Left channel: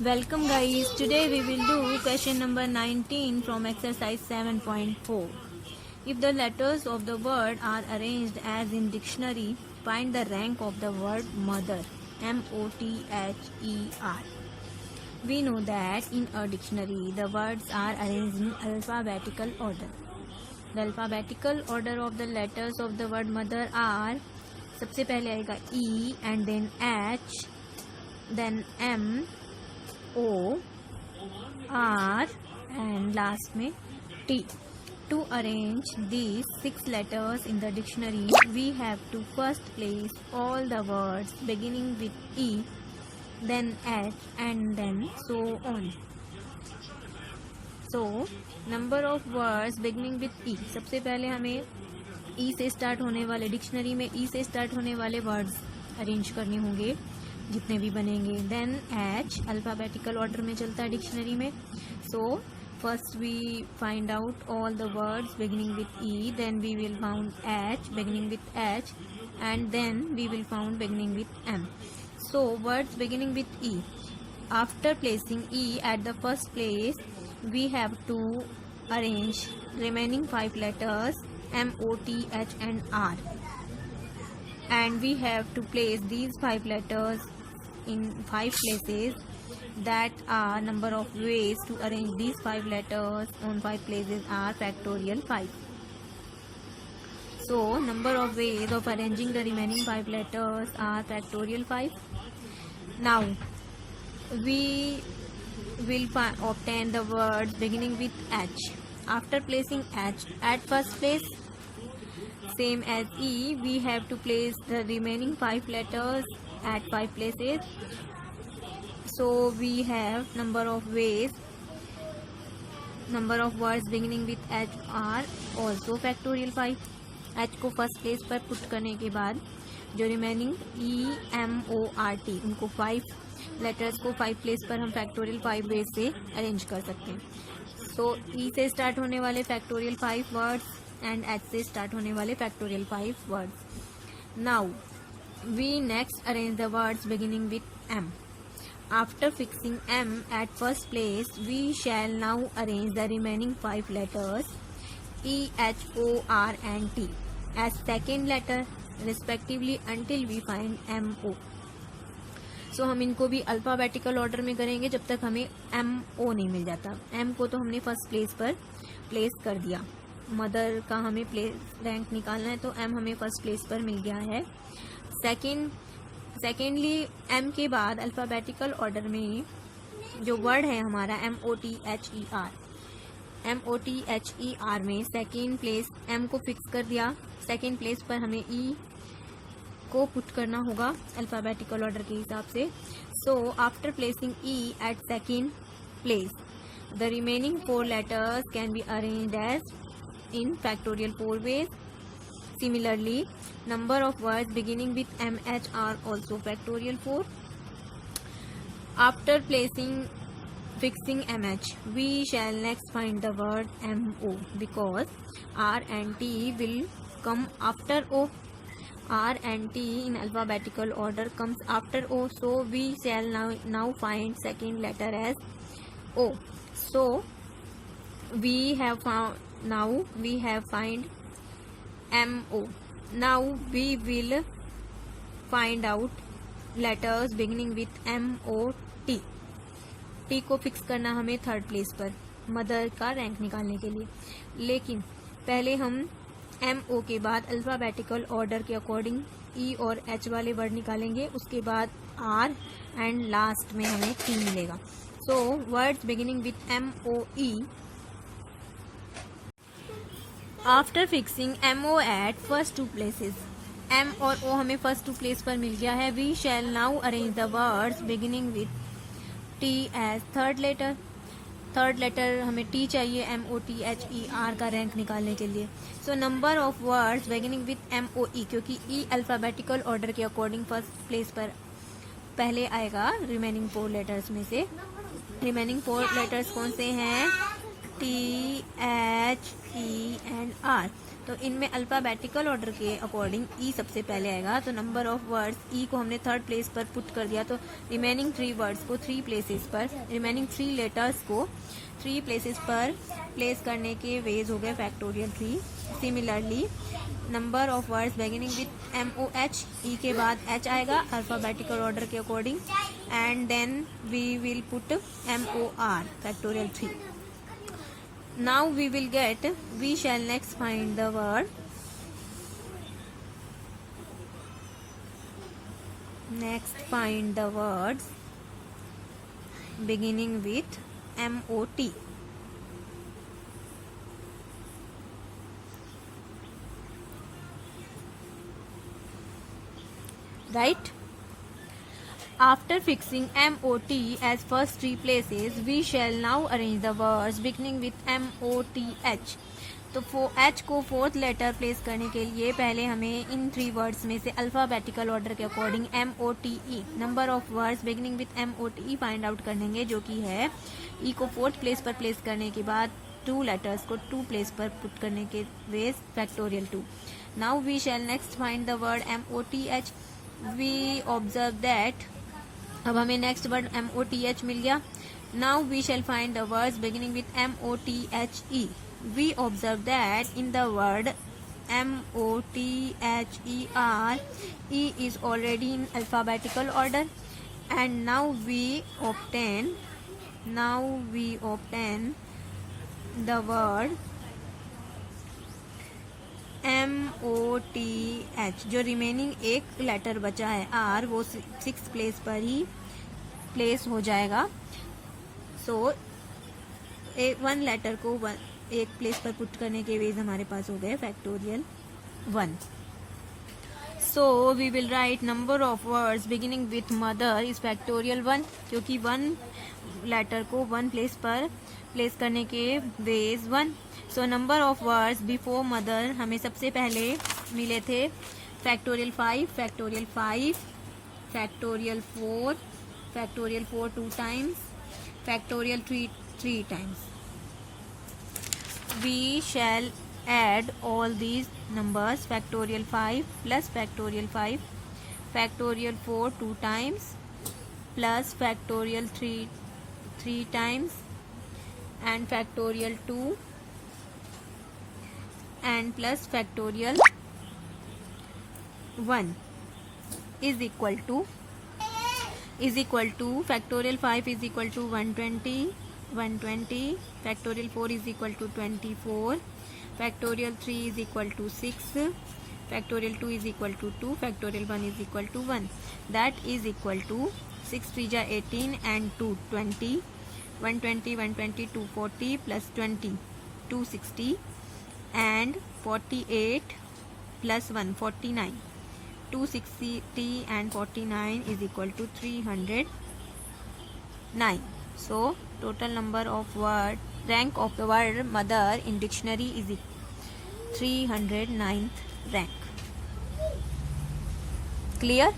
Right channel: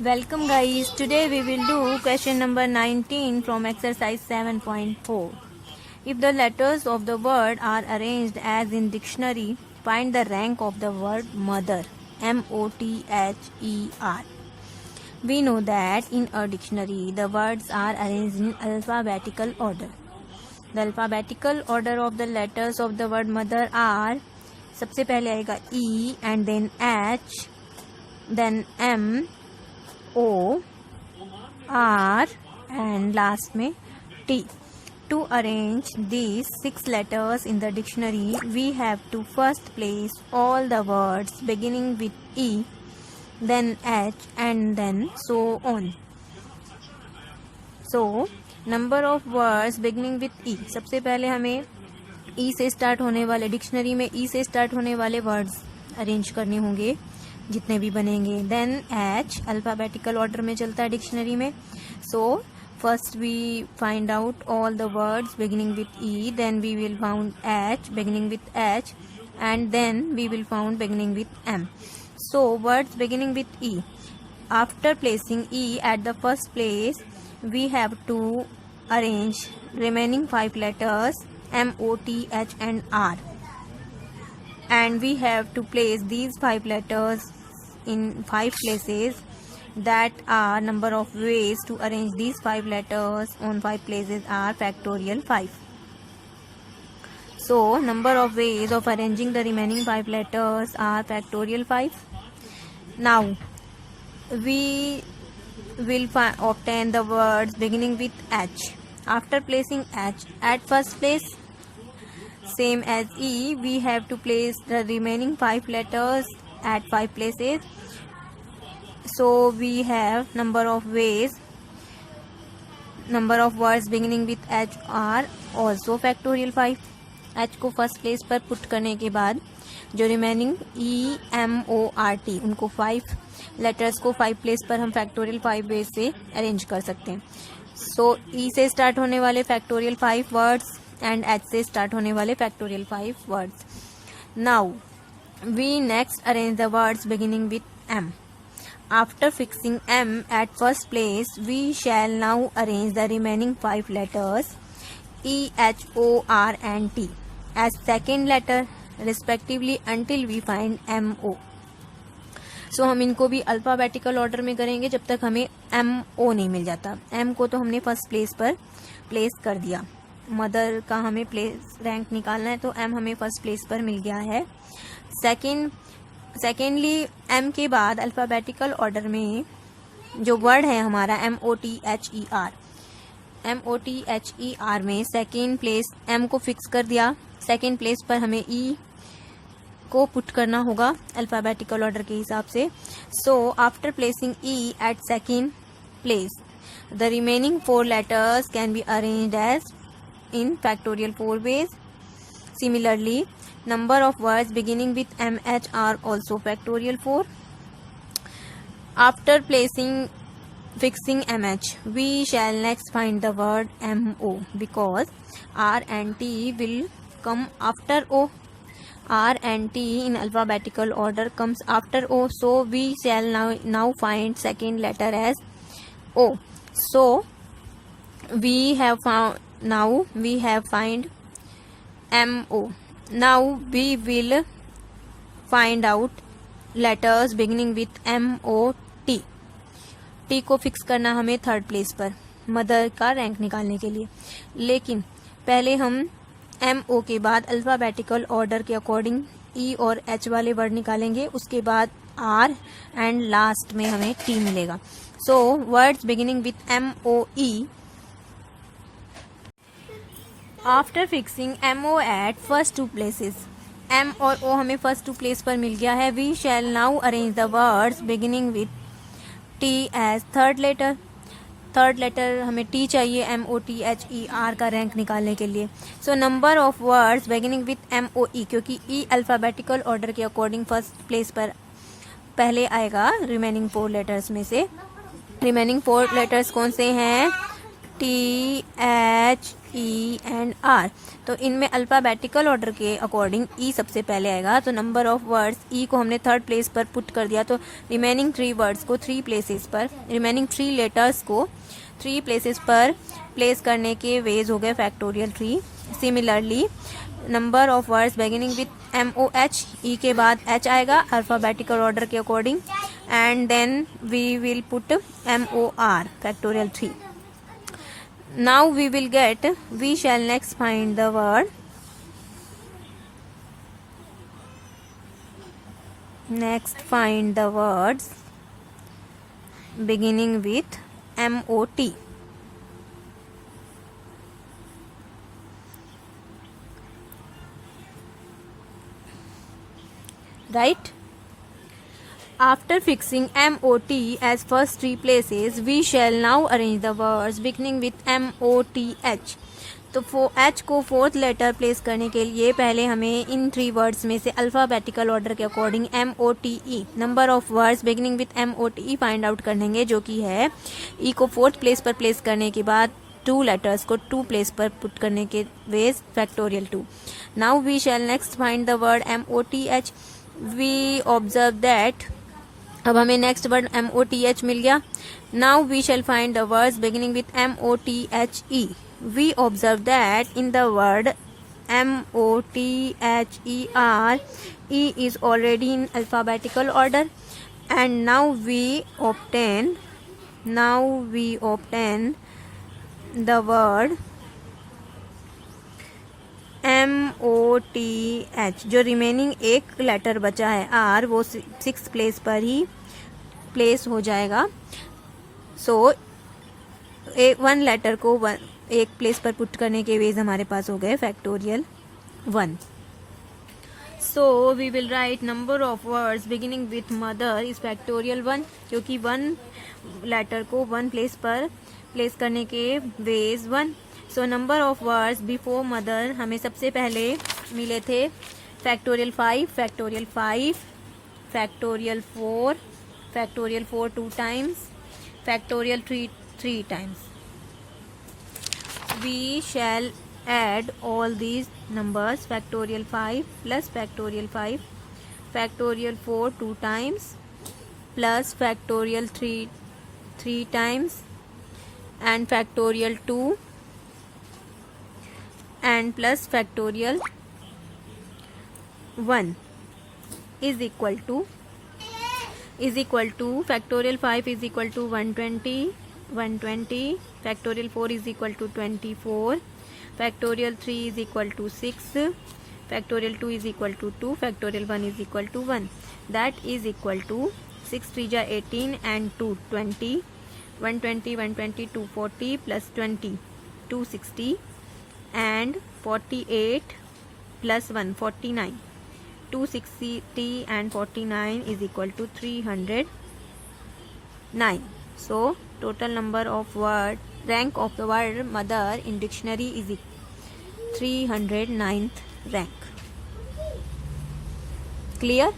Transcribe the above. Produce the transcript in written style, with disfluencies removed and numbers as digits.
Welcome guys, today we will do question number 19 from exercise 7.4. If the letters of the word are arranged as in dictionary, find the rank of the word mother, M-O-T-H-E-R. We know that in a dictionary the words are arranged in alphabetical order. The alphabetical order of the letters of the word mother are, सबसे पहले आएगा E and then H, then M, O, R and last में T. To arrange these 6 letters in the dictionary, we have to first place all the words beginning with E, then H and then so on. So, number of words beginning with E. सबसे पहले हमें E से start होने वाले, डिक्शनरी में E से start होने वाले वर्ड्स अरेंज करने होंगे जितने भी बनेंगे. देन H अल्फ़ाबेटिकल ऑर्डर में चलता है डिक्शनरी में. So first we find out all the words beginning with E, then we will found H beginning with H and then we will found beginning with M. So words beginning with E. After placing E at the first place, we have to arrange remaining 5 letters M, O, T, H and R. And we have to place these 5 letters in 5 places. That are number of ways to arrange these 5 letters on 5 places are factorial 5. So number of ways of arranging the remaining 5 letters are factorial 5. Now we will obtain the words beginning with H. After placing H at first place, same as E, we have to place the remaining 5 letters at 5 places. So we have number of ways, number of words beginning with H are also factorial 5. H को first place पर put करने के बाद जो remaining E, M, O, R, T उनको 5 लेटर्स को 5 प्लेस पर हम फैक्टोरियल 5 वेज से अरेंज कर सकते हैं. सो E से स्टार्ट होने वाले फैक्टोरियल 5 वर्ड्स एंड H से स्टार्ट होने वाले factorial 5 words. Now we next arrange the words beginning with M. After fixing M at first place, we shall now arrange the remaining 5 letters E, H, O, R and T as second letter respectively until we find M, O. So हम इनको भी alphabetical order में करेंगे जब तक हमें M, O नहीं मिल जाता. M को तो हमने फर्स्ट प्लेस पर प्लेस कर दिया. मदर का हमें प्लेस रैंक निकालना है तो M हमें फर्स्ट प्लेस पर मिल गया है. सेकेंडली M के बाद अल्फ़ाबेटिकल ऑर्डर में जो वर्ड है हमारा M-O-T-H-E-R, M-O-T-H-E-R में सेकेंड प्लेस M को फिक्स कर दिया. सेकेंड प्लेस पर हमें E को पुट करना होगा अल्फ़ाबेटिकल ऑर्डर के हिसाब से. So after placing E at second place, the remaining 4 letters can be arranged as in factorial 4 ways. Similarly, number of words beginning with MH are also factorial 4. After fixing MH, we shall next find the word MO because R and T will come after O. R and T in alphabetical order comes after O, so we shall now find second letter as O. So we have found MO. Now we will find out letters beginning with M-O-T. T को फिक्स करना हमें third place पर मदर का rank निकालने के लिए. लेकिन पहले हम M-O के बाद अल्फ़ाबेटिकल ऑर्डर के अकॉर्डिंग E और H वाले वर्ड निकालेंगे. उसके बाद R एंड लास्ट में हमें T मिलेगा. So words beginning with M-O-E. After fixing M-O at first 2 places, M और O हमें फर्स्ट 2 प्लेस पर मिल गया है. We shall now arrange the words beginning with T as third letter. Third letter हमें T चाहिए M-O-T-H-E-R का rank निकालने के लिए. So number of words beginning with M-O-E, क्योंकि E अल्फ़ाबेटिकल ऑर्डर के अकॉर्डिंग फर्स्ट प्लेस पर पहले आएगा रिमेनिंग 4 लेटर्स में से. रिमेनिंग 4 लेटर्स कौन से हैं? THE and R। तो इनमें अल्फ़ाबेटिकल ऑर्डर के अकॉर्डिंग E सबसे पहले आएगा। तो नंबर ऑफ वर्ड्स E को हमने थर्ड प्लेस पर पुट कर दिया, तो रिमेनिंग 3 वर्ड्स को 3 प्लेसेस पर, रिमेनिंग 3 लेटर्स को 3 प्लेसेस पर प्लेस करने के वेज हो गए factorial 3। Similarly number of words beginning with MOH, E के बाद H आएगा अल्फ़ाबेटिकल ऑर्डर के according, and then we will put MOR factorial 3। Now we will get, we shall next find the word, next find the words beginning with MOT. Right? After fixing MOT as first 3 places, we shall now arrange the words beginning with MOTH. तो H को fourth letter place करने के लिए पहले हमें इन 3 वर्ड्स में से alphabetical order के according MOTE, number of words beginning with MOTE find out करेंगे, जो कि है E को फोर्थ प्लेस पर प्लेस करने के बाद 2 लेटर्स को 2 प्लेस पर पुट करने के ways factorial 2। Now we shall next find the word MOTH। We observe that, अब हमें नेक्स्ट वर्ड MOTH मिल गया। Now we shall find the words beginning with MOTHE। We observe that in the word MOTHER, E is already in alphabetical order, and now we obtain the word MOTH। जो रिमेनिंग एक लेटर बचा है R, वो 6th place पर ही प्लेस हो जाएगा। सो 1 लेटर को एक प्लेस पर पुट करने के वेज हमारे पास हो गए factorial 1। So we will write number of words beginning with mother is factorial 1, क्योंकि 1 लेटर को 1 प्लेस पर प्लेस करने के ways 1। So number of words before mother हमें सबसे पहले मिले थे factorial 5, factorial 5, factorial 4, factorial 4 2 times, factorial 3 times. We shall add all these numbers, factorial 5 plus factorial 5, factorial 4 2 times, plus factorial 3 times, and factorial 2, and plus factorial 1 is equal to factorial 5 is equal to 120, factorial 4 is equal to 24, factorial 3 is equal to 6, factorial 2 is equal to 2, factorial 1 is equal to 1. That is equal to 6 3 ja 18 and 2 20, 120 240 plus 20 260, and 48 plus 1 49, 260 and 49 is equal to 309. So total number of rank of the word mother in dictionary is 309th rank. Clear?